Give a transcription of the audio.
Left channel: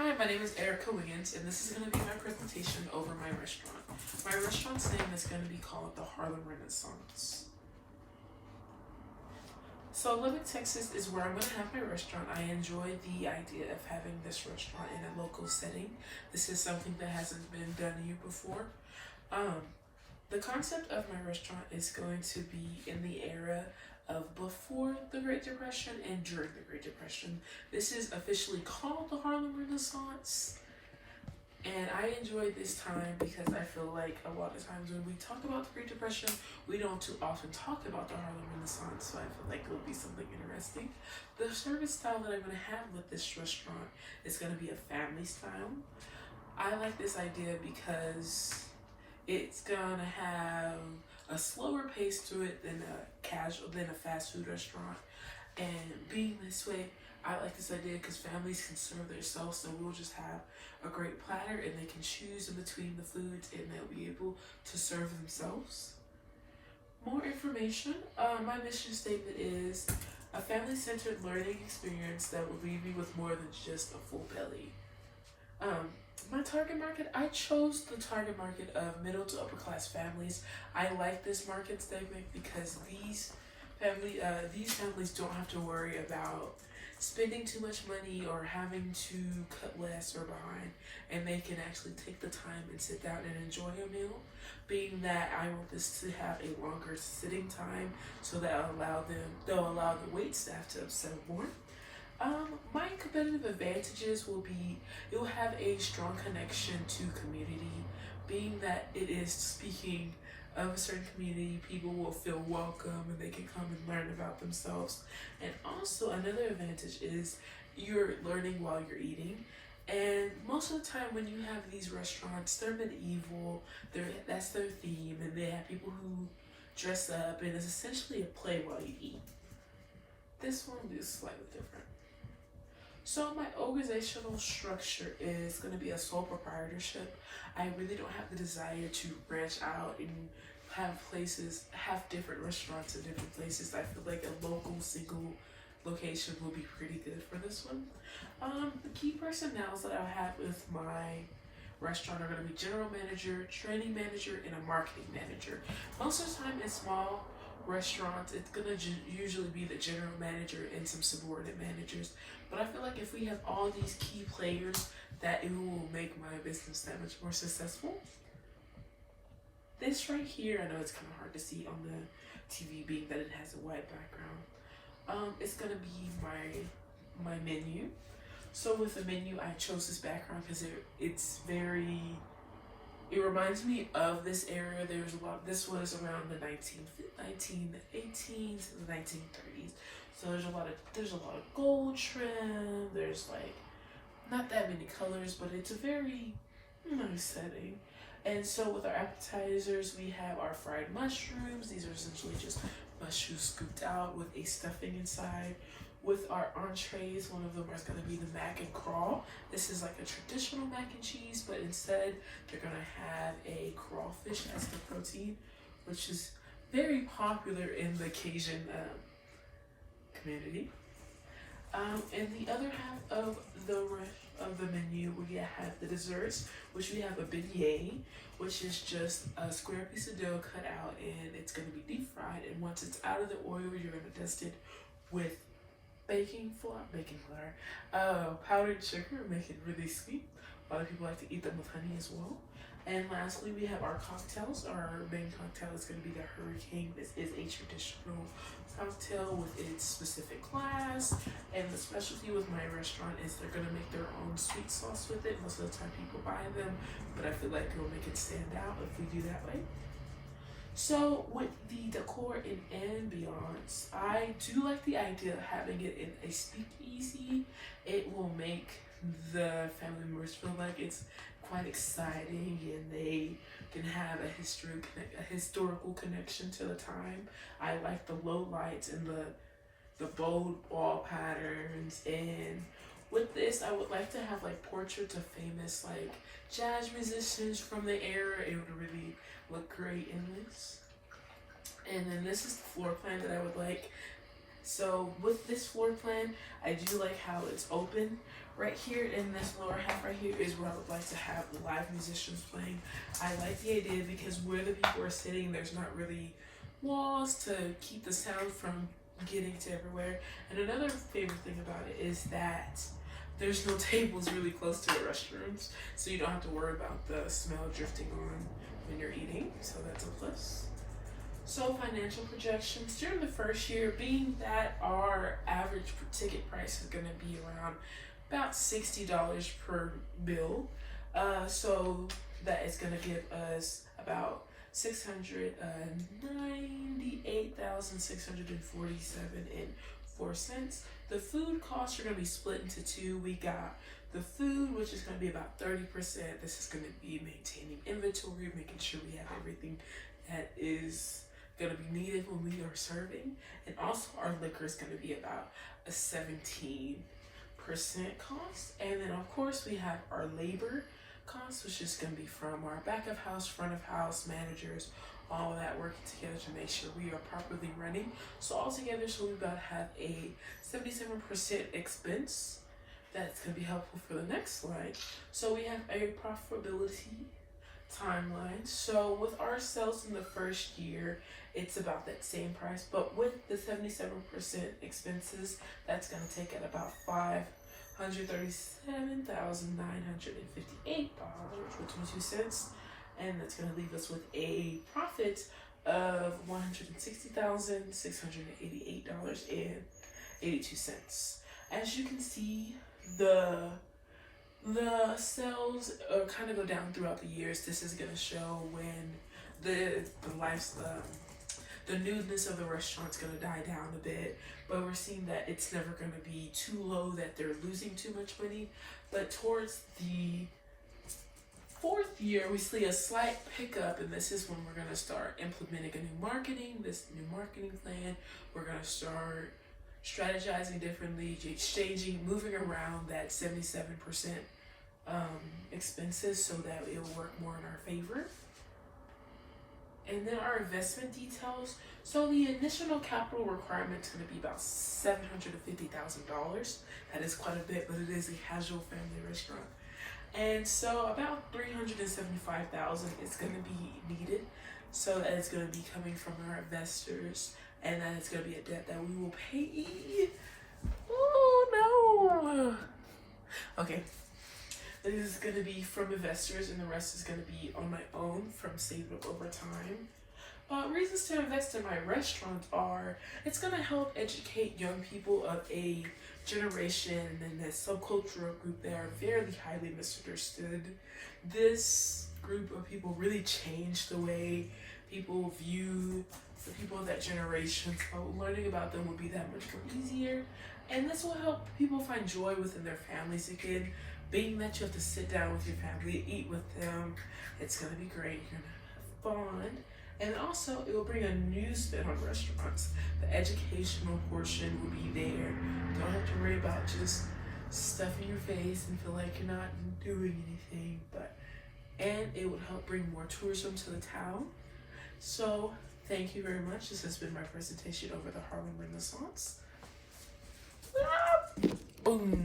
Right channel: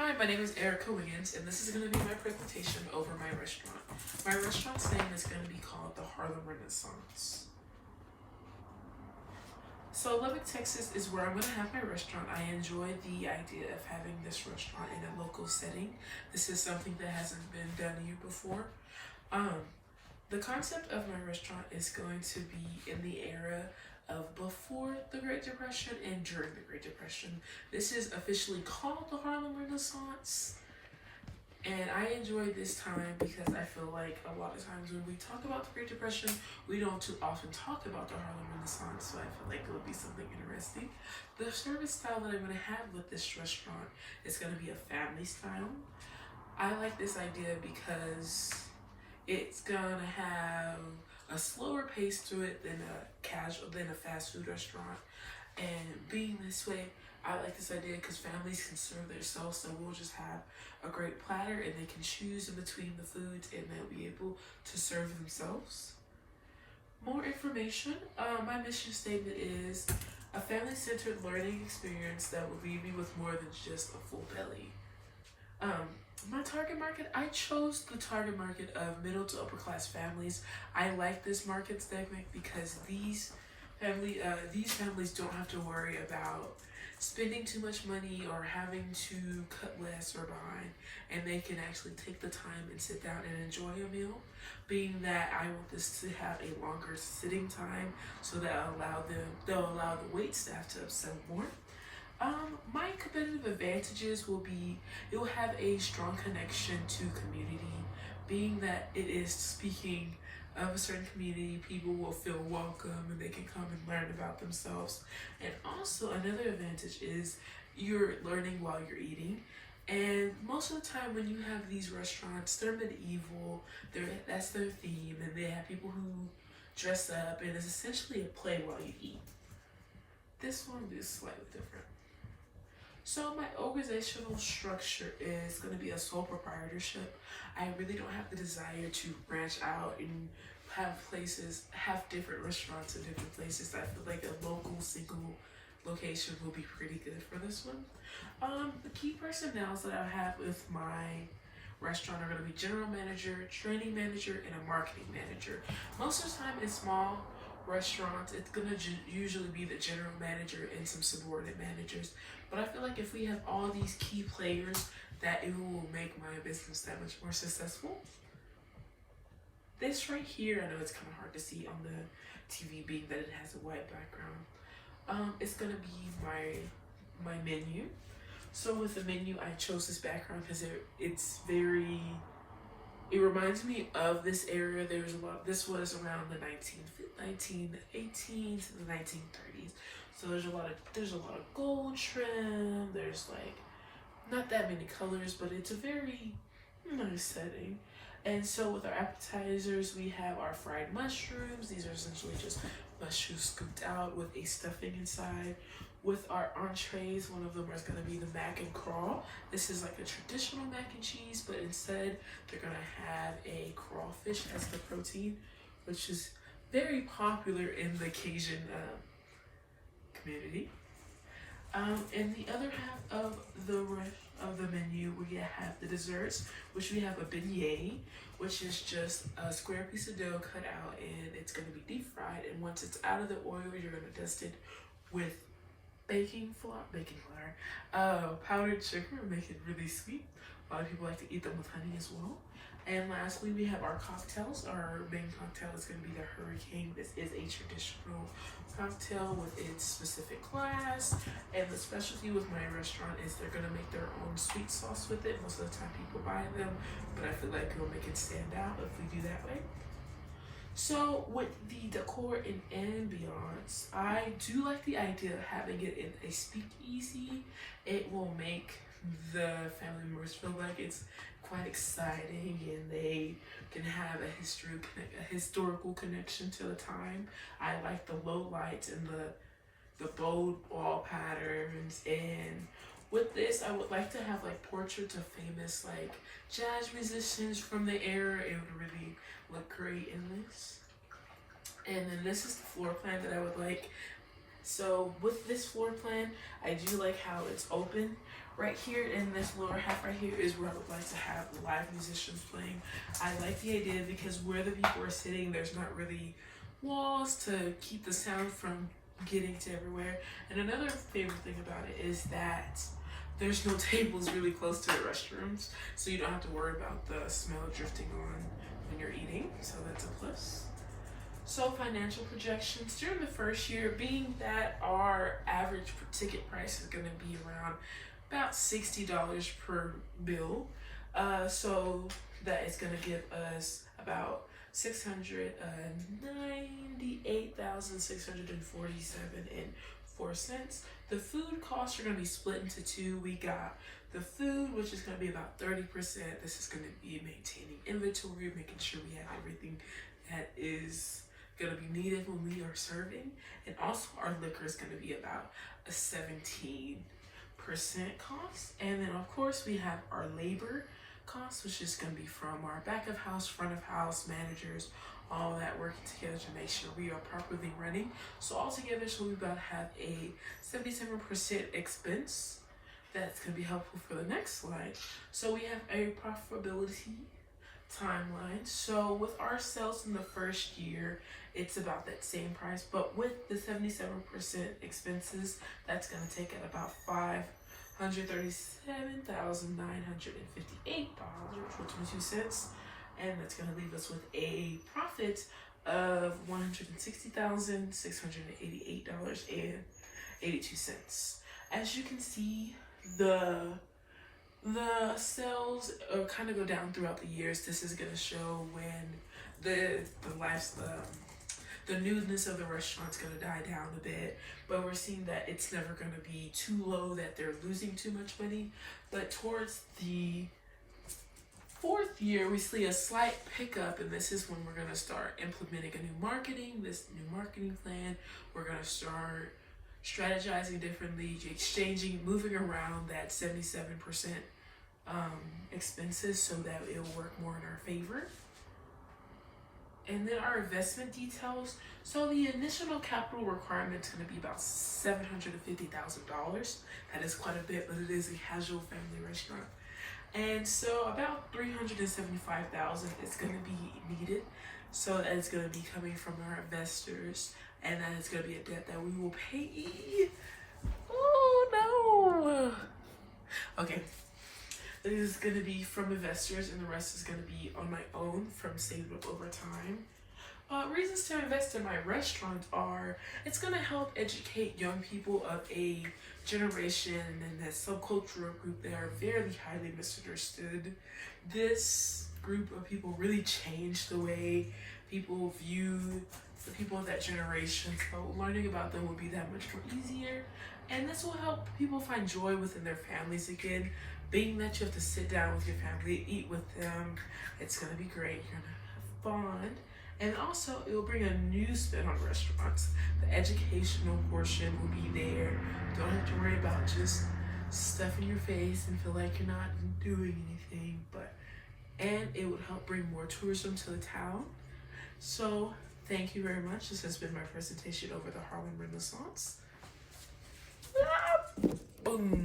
Hi, my name is Erica Wiggins, and this is going to be my presentation over my restaurant. My restaurant's name is going to be called the Harlem Renaissance. So Lubbock, Texas is where I'm going to have my restaurant. I enjoy the idea of having this restaurant in a local setting. This is something that hasn't been done here before. The concept of my restaurant is going to be in the era of before the Great Depression and during the Great Depression. This is officially called the Harlem Renaissance. And I enjoy this time because I feel like a lot of times when we talk about the Great Depression, we don't too often talk about the Harlem Renaissance, so I feel like it would be something interesting. The service style that I'm going to have with this restaurant is going to be a family style. I like this idea because it's gonna have a slower pace to it than a fast food restaurant. And being this way, I like this idea because families can serve themselves, so we'll just have a great platter and they can choose in between the foods and they'll be able to serve themselves. More information, my mission statement is a family-centered learning experience that will leave you with more than just a full belly. My target market, I chose the target market of middle to upper class families. I like this market segment because these families don't have to worry about spending too much money or having to cut less or behind, and they can actually take the time and sit down and enjoy a meal. Being that I want this to have a longer sitting time, so that they'll allow the wait staff to observe more. My competitive advantages will be, it will have a strong connection to community. Being that it is speaking of a certain community, people will feel welcome and they can come and learn about themselves. And also another advantage is you're learning while you're eating. And most of the time when you have these restaurants, they're medieval, that's their theme, and they have people who dress up, and it's essentially a play while you eat. This one is slightly different. So my organizational structure is going to be a sole proprietorship. I really don't have the desire to branch out and have different restaurants in different places. I feel like a local single location will be pretty good for this one. The key personnels that I have with my restaurant are going to be general manager, training manager, and a marketing manager. Most of the time in small restaurants, it's gonna usually be the general manager and some subordinate managers. But I feel like if we have all these key players, that it will make my business that much more successful. This right here, I know it's kind of hard to see on the TV being that it has a white background. It's gonna be my menu. So with the menu, I chose this background because it reminds me of this area. This was around the 1918s to the 1930s. So there's a lot of gold trim. There's like not that many colors, but it's a very nice setting. And so with our appetizers, we have our fried mushrooms. These are essentially just mushrooms scooped out with a stuffing inside. With our entrees, one of them is going to be the mac and crawl. This is like a traditional mac and cheese, but instead they're going to have a crawfish as the protein, which is very popular in the Cajun community. In the other half of the menu, we have the desserts, which we have a beignet, which is just a square piece of dough cut out, and it's going to be deep fried. And once it's out of the oil, you're going to dust it with baking flour, powdered sugar, make it really sweet. A lot of people like to eat them with honey as well. And lastly, we have our cocktails. Our main cocktail is going to be the Hurricane. This is a traditional cocktail with its specific glass. And the specialty with my restaurant is they're going to make their own sweet sauce with it. Most of the time people buy them, but I feel like it'll make it stand out if we do that way. So with the decor and ambiance, I do like the idea of having it in a speakeasy. It will make the family members feel like it's quite exciting and they can have a historical connection to the time. I like the low lights and the bold wall patterns, and with this, I would like to have like portraits of famous like jazz musicians from the era. It would really look great in this. And then this is the floor plan that I would like So with this floor plan, I do like how it's open. Right here in this lower half right here is where I would like to have live musicians playing. I like the idea because where the people are sitting, there's not really walls to keep the sound from getting to everywhere. And another favorite thing about it is that there's no tables really close to the restrooms, so you don't have to worry about the smell drifting on when you're eating, so that's a plus. So financial projections during the first year, being that our average ticket price is going to be around about $60 per bill, so that is going to give us about $698,647.04. The food costs are going to be split into two. We got the food, which is going to be about 30%. This is going to be maintaining inventory, making sure we have everything that is going to be needed when we are serving. And also our liquor is going to be about a 17% cost. And then of course we have our labor costs, which is going to be from our back of house, front of house, managers, all of that working together to make sure we are properly running. So altogether, so we about have a 77% expense. That's going to be helpful for the next slide. So we have a profitability timeline. So with our sales in the first year, it's about that same price, but with the 77% expenses, that's going to take it about $537,958.22, and that's going to leave us with a profit of $160,688.82. As you can see, the sales kind of go down throughout the years. This is going to show when the newness of the restaurant's going to die down a bit, but we're seeing that it's never going to be too low that they're losing too much money. But towards the fourth year, we see a slight pickup, and this is when we're going to start implementing a new marketing plan. We're going to start strategizing differently, exchanging, moving around that 77% expenses so that it will work more in our favor. And then our investment details. So the initial capital requirement is going to be about $750,000. That is quite a bit, but it is a casual family restaurant. And so about $375,000 is going to be needed. So that it's going to be coming from our investors, and then it's going to be a debt that we will pay. Oh no. Okay. This is going to be from investors, and the rest is going to be on my own from saving up over time. Reasons to invest in my restaurant are, it's going to help educate young people of a generation and that subcultural group that are very highly misunderstood. This group of people really changed the way people view the people of that generation, so learning about them will be that much more easier. And this will help people find joy within their families again. Being that you have to sit down with your family, eat with them, it's going to be great. You're going to have fun. And also, it will bring a new spin on restaurants. The educational portion will be there. You don't have to worry about just stuffing your face and feel like you're not doing anything. And it would help bring more tourism to the town. So, thank you very much. This has been my presentation over the Harlem Renaissance. Boom.